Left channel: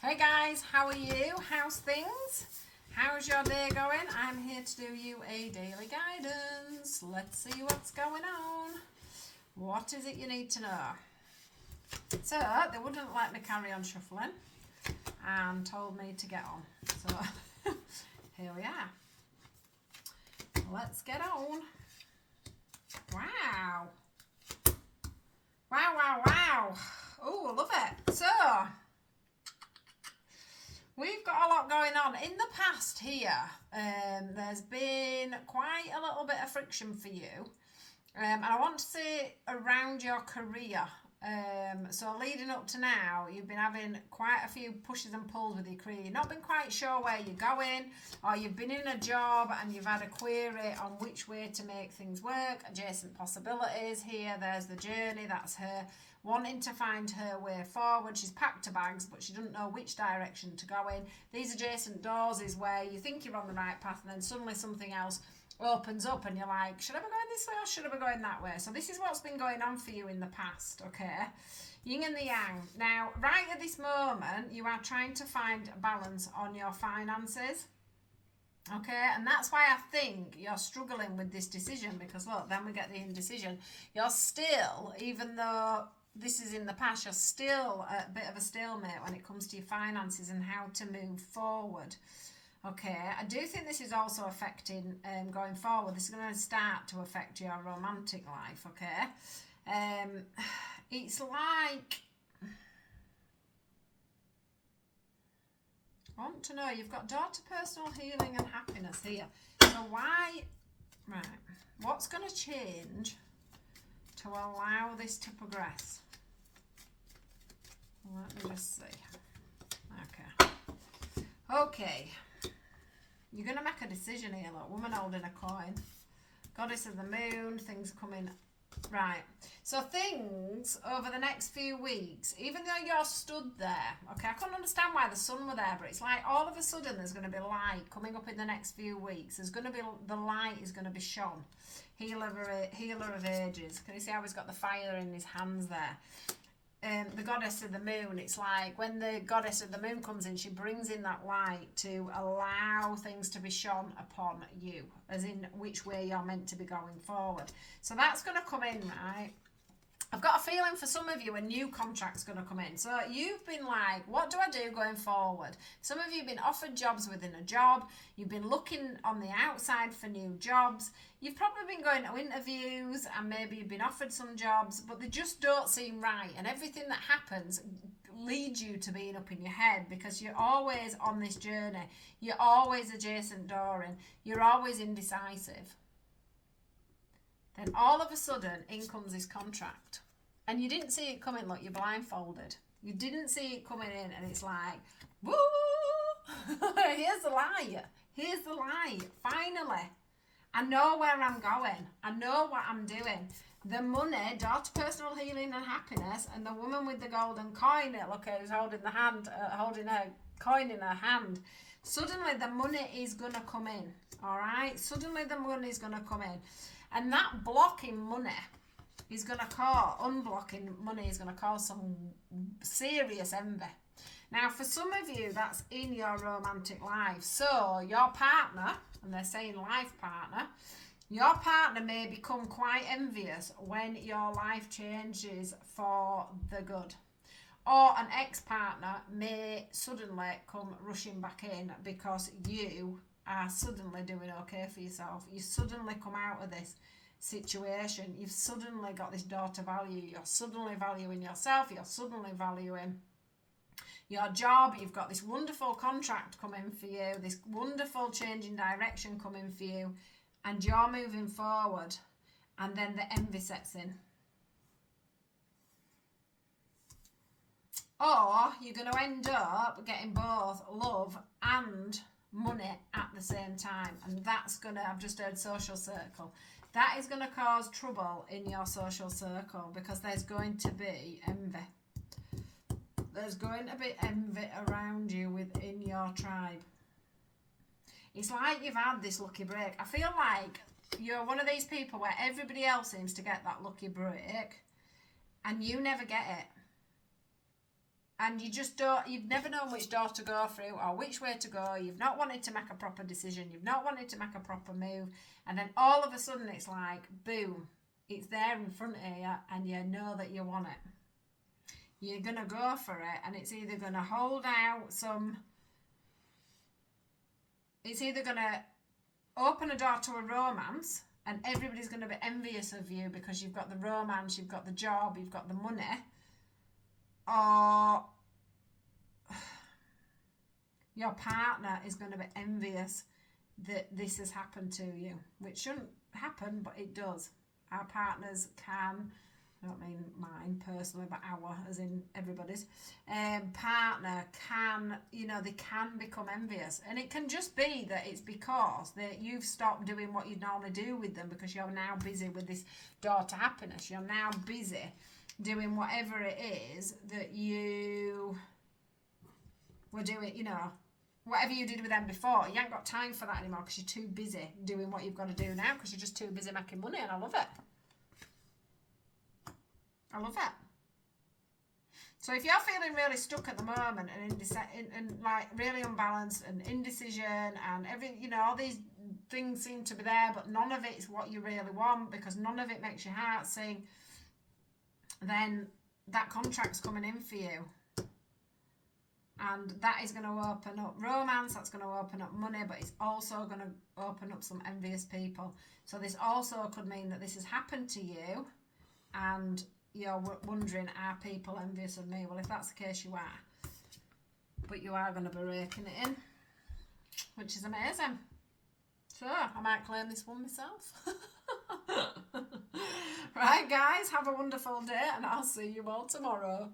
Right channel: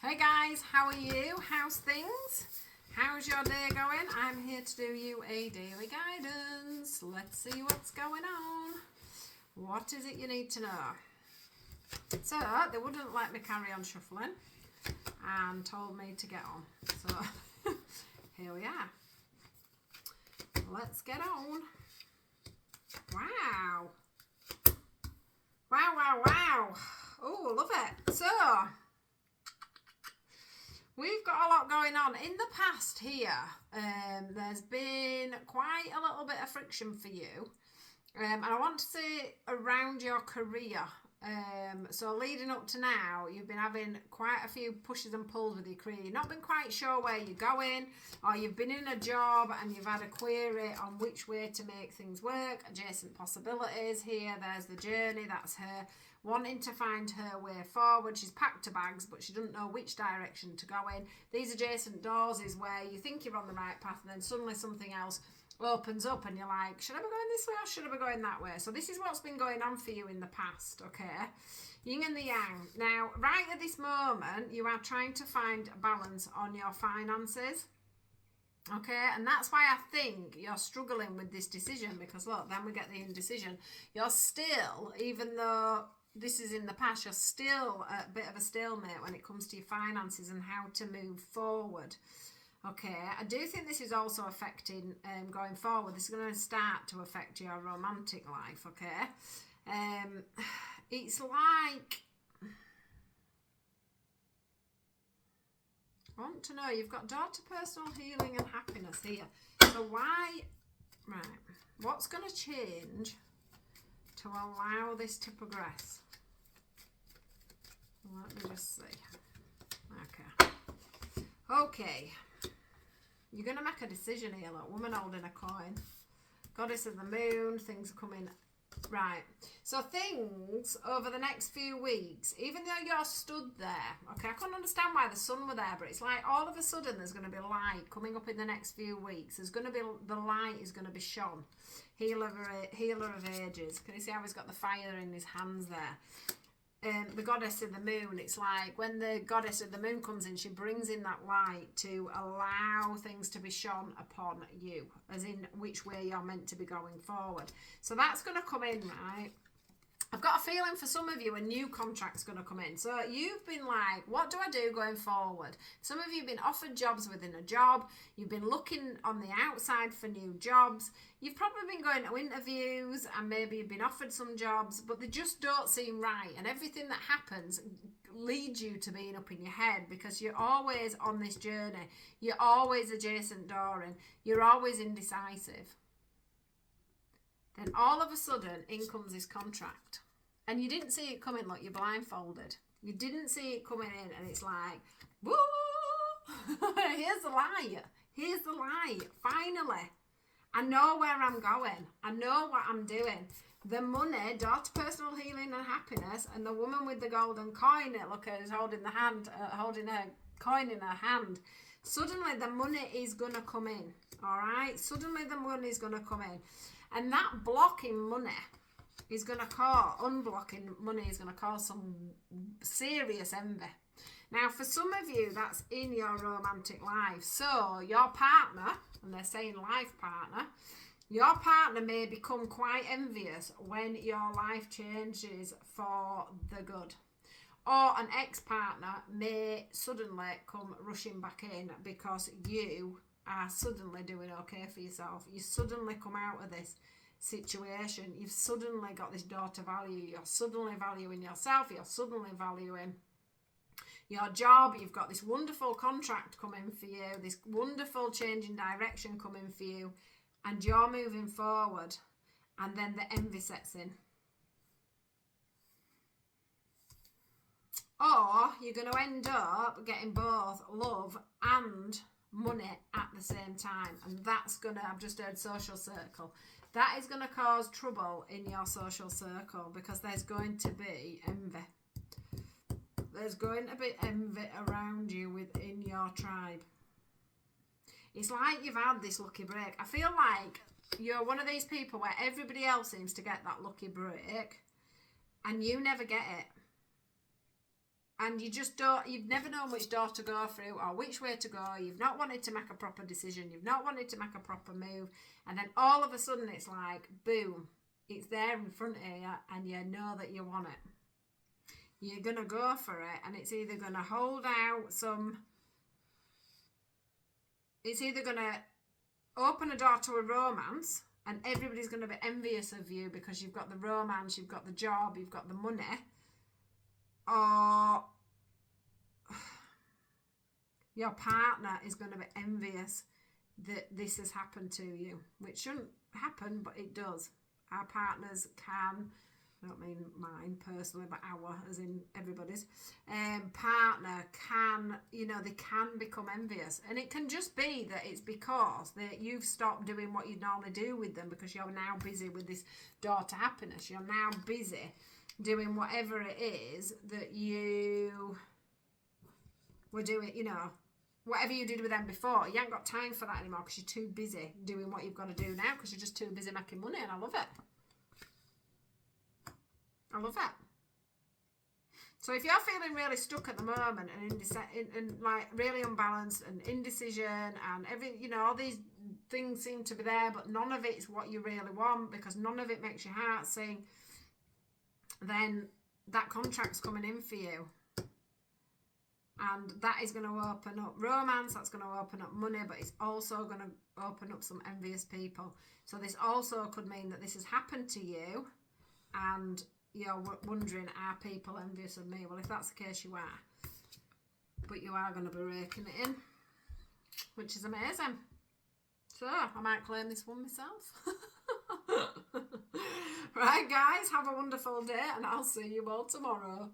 Hey guys, how are you? How's things? How's your day going? I'm here to do you a daily guidance. Let's see what's going on. What is it you need to know? So, they wouldn't let me carry on shuffling and told me to get on. So, here we are. Let's get on. Wow. Wow, wow, wow. Oh, love it. So, we've got a lot going on. In the past here, there's been quite a little bit of friction for you. And I want to say around your career. So leading up to now, you've been having quite a few pushes and pulls with your career. You've not been quite sure where you're going, or you've been in a job and you've had a query on which way to make things work. Adjacent possibilities here. There's the journey. That's her wanting to find her way forward. She's packed her bags, but she doesn't know which direction to go in. These adjacent doors is where you think you're on the right path, and then suddenly something else opens up and you're like, should I be going this way or should I be going that way? So this is what's been going on for you in the past, okay? Yin and the yang. Now, right at this moment, you are trying to find balance on your finances. Okay, and that's why I think you're struggling with this decision, because look, then we get the indecision. You're still, even though this is in the past, you're still a bit of a stalemate when it comes to your finances and how to move forward. Okay, I do think this is also affecting going forward. This is going to start to affect your romantic life, okay? It's like, I want to know, you've got daughter, personal healing and happiness here. So why, right, what's going to change to allow this to progress? Let me just see. Okay. You're going to make a decision here, look. Woman holding a coin. Goddess of the moon. Things coming. Right. So things over the next few weeks, even though you're stood there, okay, I couldn't understand why the sun were there, but it's like all of a sudden there's going to be light coming up in the next few weeks. There's going to be, the light is going to be shone. Healer of ages. Can you see how he's got the fire in his hands there? The goddess of the moon, it's like when the goddess of the moon comes in, she brings in that light to allow things to be shone upon you, as in which way you're meant to be going forward. So that's going to come in, right? I've got a feeling for some of you a new contract's going to come in. So you've been like, what do I do going forward? Some of you have been offered jobs within a job. You've been looking on the outside for new jobs. You've probably been going to interviews and maybe you've been offered some jobs, but they just don't seem right. And everything that happens leads you to being up in your head because you're always on this journey. You're always adjacent dooring. You're always indecisive. Then all of a sudden, in comes this contract. And you didn't see it coming, look, you're blindfolded. You didn't see it coming in, and it's like, woo! Here's the light. Here's the light. Finally. I know where I'm going. I know what I'm doing. The money, daughter, personal healing and happiness, and the woman with the golden coin, look, who's holding the hand, holding her coin in her hand. Suddenly, the money is going to come in, all right? Suddenly, the money is going to come in. And that blocking money is going to cause, unblocking money is going to cause some serious envy. Now, for some of you, that's in your romantic life. So, your partner, and they're saying life partner, your partner may become quite envious when your life changes for the good. Or an ex-partner may suddenly come rushing back in because you are suddenly doing okay for yourself. You suddenly come out of this situation. You've suddenly got this daughter value. You're suddenly valuing yourself. You're suddenly valuing your job. You've got this wonderful contract coming for you, this wonderful change in direction coming for you, and you're moving forward, and then the envy sets in. Or you're going to end up getting both love and money at the same time, and that's going to, I've just heard social circle, that is going to cause trouble in your social circle because there's going to be envy. There's going to be envy around you within your tribe. It's like you've had this lucky break. I feel like you're one of these people where everybody else seems to get that lucky break and you never get it. and you just don't, you've never known which door to go through or which way to go. You've not wanted to make a proper decision. You've not wanted to make a proper move. And then all of a sudden it's like, boom, it's there in front of you and you know that you want it. You're going to go for it, and it's either going to hold out it's either going to open a door to a romance, and everybody's going to be envious of you because you've got the romance, you've got the job, you've got the money, or your partner is going to be envious that this has happened to you, which shouldn't happen, but it does. Our partners can, I don't mean mine personally, but our, as in everybody's, partner can, they can become envious. And it can just be that it's because that you've stopped doing what you normally do with them because you're now busy with this door to happiness. You're now busy doing whatever it is that you were doing, whatever you did with them before. You ain't got time for that anymore because you're too busy doing what you've got to do now because you're just too busy making money, and I love it. I love it. So if you're feeling really stuck at the moment and like really unbalanced and indecision and all these things seem to be there, but none of it's what you really want because none of it makes your heart sing, then that contract's coming in for you. And that is going to open up romance, that's going to open up money, but it's also going to open up some envious people. So this also could mean that this has happened to you and you're wondering, are people envious of me? Well, if that's the case, you are. But you are going to be raking it in, which is amazing. So I might claim this one myself. Right, guys, have a wonderful day, and I'll see you all tomorrow.